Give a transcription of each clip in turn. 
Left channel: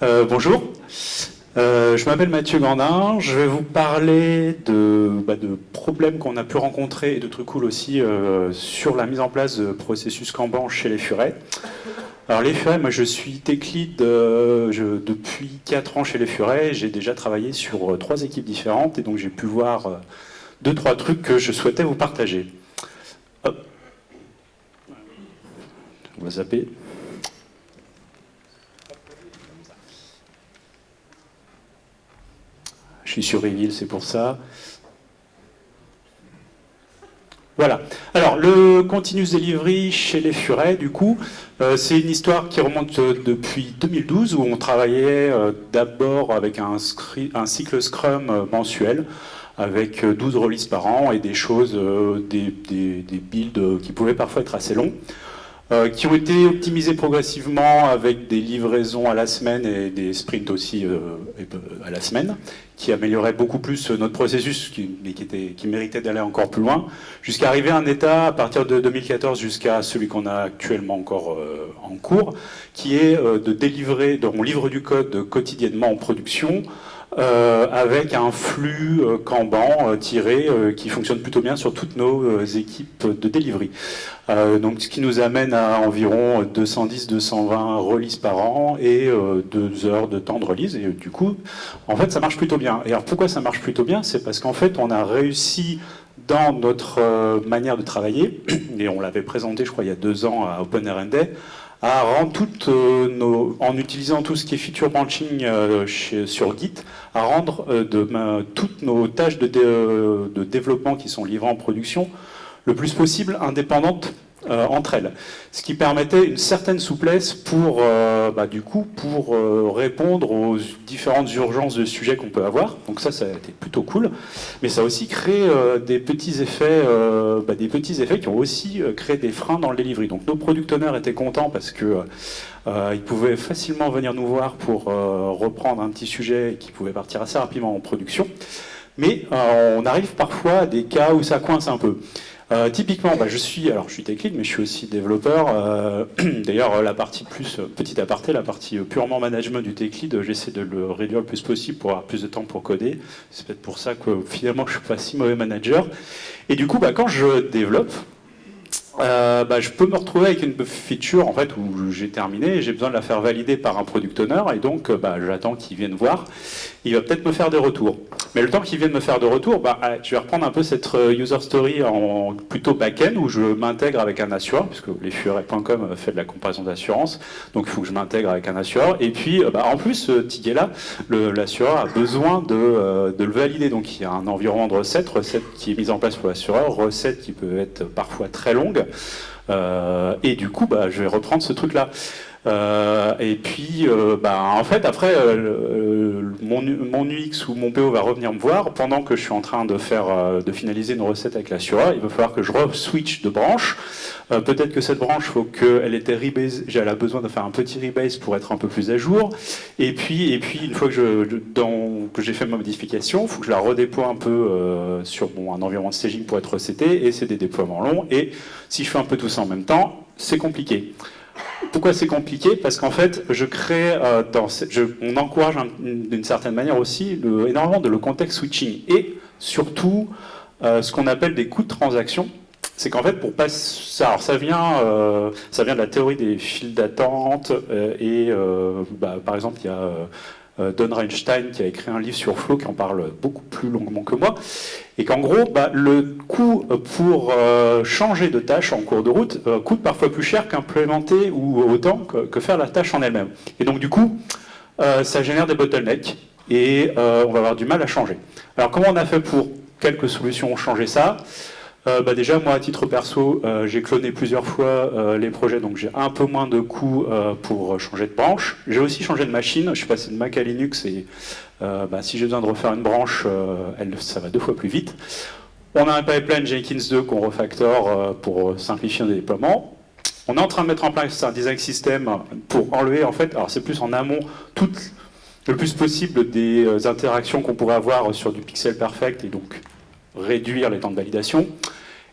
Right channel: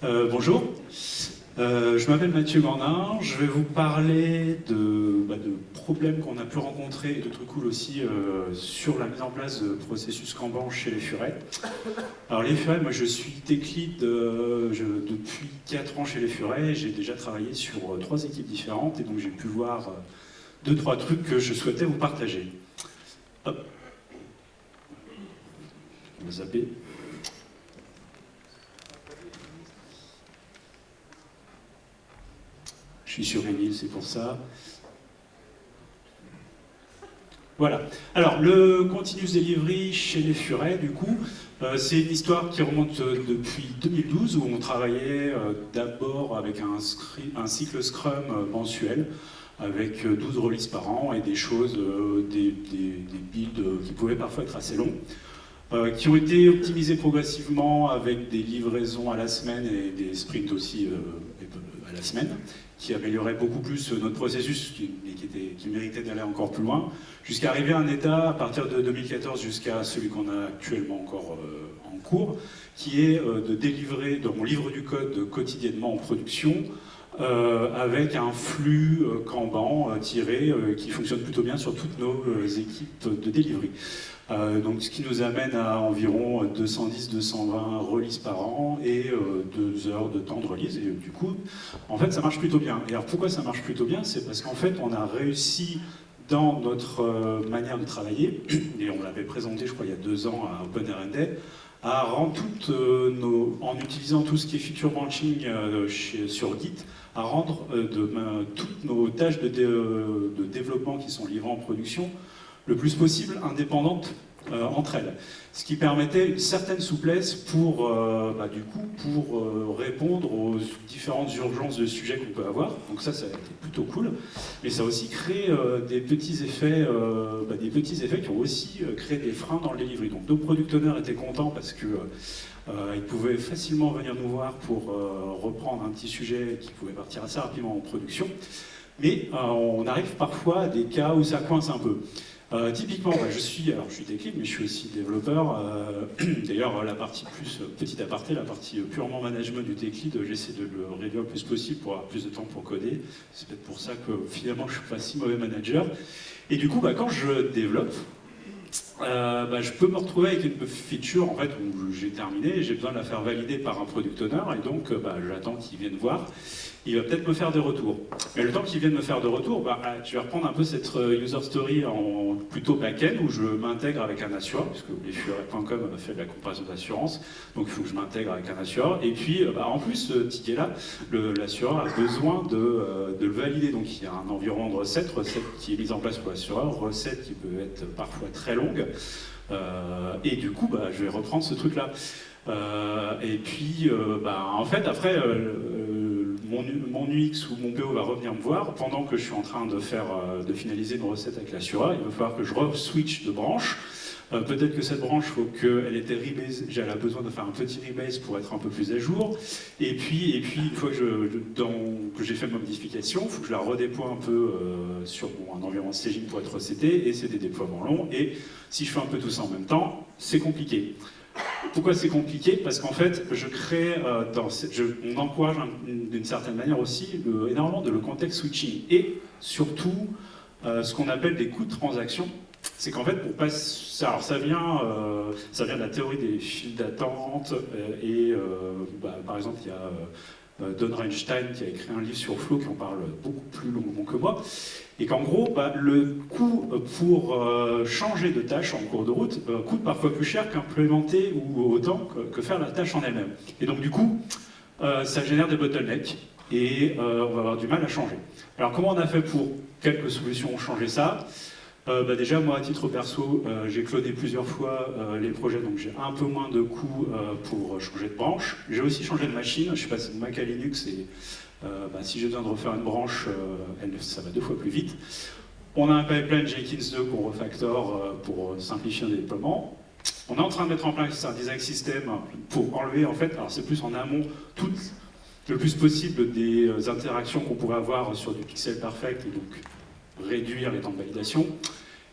Bonjour, je m'appelle Mathieu Gandin, je vais vous parler de problèmes qu'on a pu rencontrer et de trucs cool aussi sur la mise en place de processus Kanban chez les furets. Alors les furets, moi je suis tech lead depuis 4 ans chez les furets, j'ai déjà travaillé sur 3 équipes différentes et donc j'ai pu voir 2-3 trucs que je souhaitais vous partager. Hop. On va zapper. Je suis sur une île, c'est pour ça. Voilà. Alors, le Continuous Delivery chez les furets, du coup, c'est une histoire qui remonte depuis 2012, où on travaillait d'abord avec un cycle Scrum mensuel, avec 12 releases par an et des choses, des builds qui pouvaient parfois être assez longs. Qui ont été optimisés progressivement avec des livraisons à la semaine et des sprints aussi à la semaine, qui amélioraient beaucoup plus notre processus, qui méritait d'aller encore plus loin, jusqu'à arriver à un état, à partir de 2014 jusqu'à celui qu'on a actuellement encore en cours, qui est de délivrer, on livre du code quotidiennement en production, avec un flux Kanban tiré qui fonctionne plutôt bien sur toutes nos équipes de delivery. Donc, ce qui nous amène à environ 210-220 releases par an et 2 heures de temps de release. Et du coup, en fait, ça marche plutôt bien. Et alors, pourquoi ça marche plutôt bien? C'est parce qu'en fait, on a réussi dans notre manière de travailler, et on l'avait présenté, je crois, il y a 2 ans à OpenRND, à rendre en utilisant tout ce qui est feature branching sur Git, à rendre toutes nos tâches de développement qui sont livrées en production le plus possible indépendantes entre elles. Ce qui permettait une certaine souplesse pour répondre aux différentes urgences de sujets qu'on peut avoir. Donc ça a été plutôt cool. Mais ça a aussi créé des petits effets qui ont aussi créé des freins dans le delivery. Donc nos product owners étaient contents parce que ils pouvaient facilement venir nous voir pour reprendre un petit sujet qui pouvait partir assez rapidement en production. Mais on arrive parfois à des cas où ça coince un peu. Typiquement, je suis tech lead, mais je suis aussi développeur. D'ailleurs, la partie plus, petit aparté, la partie purement management du tech lead, j'essaie de le réduire le plus possible pour avoir plus de temps pour coder. C'est peut-être pour ça que finalement, je ne suis pas si mauvais manager. Et du coup, quand je développe, je peux me retrouver avec une feature en fait, où j'ai terminé et j'ai besoin de la faire valider par un product owner. Et donc, j'attends qu'il vienne voir. Il va peut-être me faire des retours. Mais le temps qu'il vienne me faire des retours, je vais reprendre un peu cette user story en plutôt back-end où je m'intègre avec un assureur, puisque lesfurets.com fait de la comparaison d'assurance, donc il faut que je m'intègre avec un assureur. Et puis, en plus, ce ticket-là, l'assureur a besoin de le valider. Donc il y a un environnement de recette qui est mise en place pour l'assureur, recette qui peut être parfois très longue. Et du coup, je vais reprendre ce truc-là. Et puis, en fait, après, mon UX ou mon PO va revenir me voir pendant que je suis en train de finaliser une recette avec l'assureur. Il va falloir que je re-switch de branche. Peut-être que cette branche, il faut qu'elle était rebase. Elle a besoin de faire un petit rebase pour être un peu plus à jour. Et puis une fois que j'ai fait ma modification, il faut que je la redéploie un peu sur un environnement de staging pour être reseté. Et c'est des déploiements longs. Et si je fais un peu tout ça en même temps, c'est compliqué. Pourquoi c'est compliqué? Parce qu'en fait, on encourage d'une certaine manière aussi énormément de le context switching et surtout ce qu'on appelle des coûts de transaction. C'est qu'en fait, pour passer, alors ça vient de la théorie des files d'attente par exemple, il y a Don Reinstein qui a écrit un livre sur Flow qui en parle beaucoup plus longuement que moi. Et qu'en gros, le coût pour changer de tâche en cours de route coûte parfois plus cher qu'implémenter ou autant que faire la tâche en elle-même. Et donc du coup, ça génère des bottlenecks et on va avoir du mal à changer. Alors comment on a fait pour quelques solutions changer ça? Déjà, moi, à titre perso, j'ai cloné plusieurs fois les projets, donc j'ai un peu moins de coûts pour changer de branche. J'ai aussi changé de machine, je suis passé de Mac à Linux et si j'ai besoin de refaire une branche, ça va 2 fois plus vite. On a un pipeline Jenkins 2 qu'on refactor pour simplifier nos déploiements. On est en train de mettre en place un design system pour enlever, en fait, alors c'est plus en amont, le plus possible des interactions qu'on pourrait avoir sur du pixel perfect et donc réduire les temps de validation.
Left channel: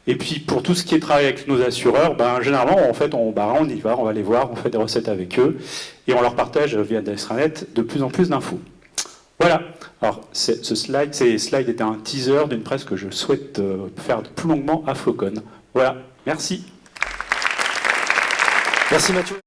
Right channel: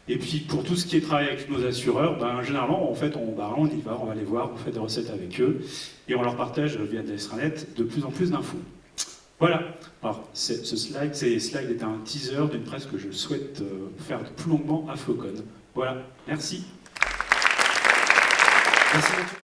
Et puis pour tout ce qui est travail avec nos assureurs, généralement en fait on y va, on va les voir, on fait des recettes avec eux et on leur partage via Extranet de plus en plus d'infos. Voilà. Alors ces slides étaient un teaser d'une presse que je souhaite faire plus longuement à Flowcon. Voilà. Merci. Merci Mathieu.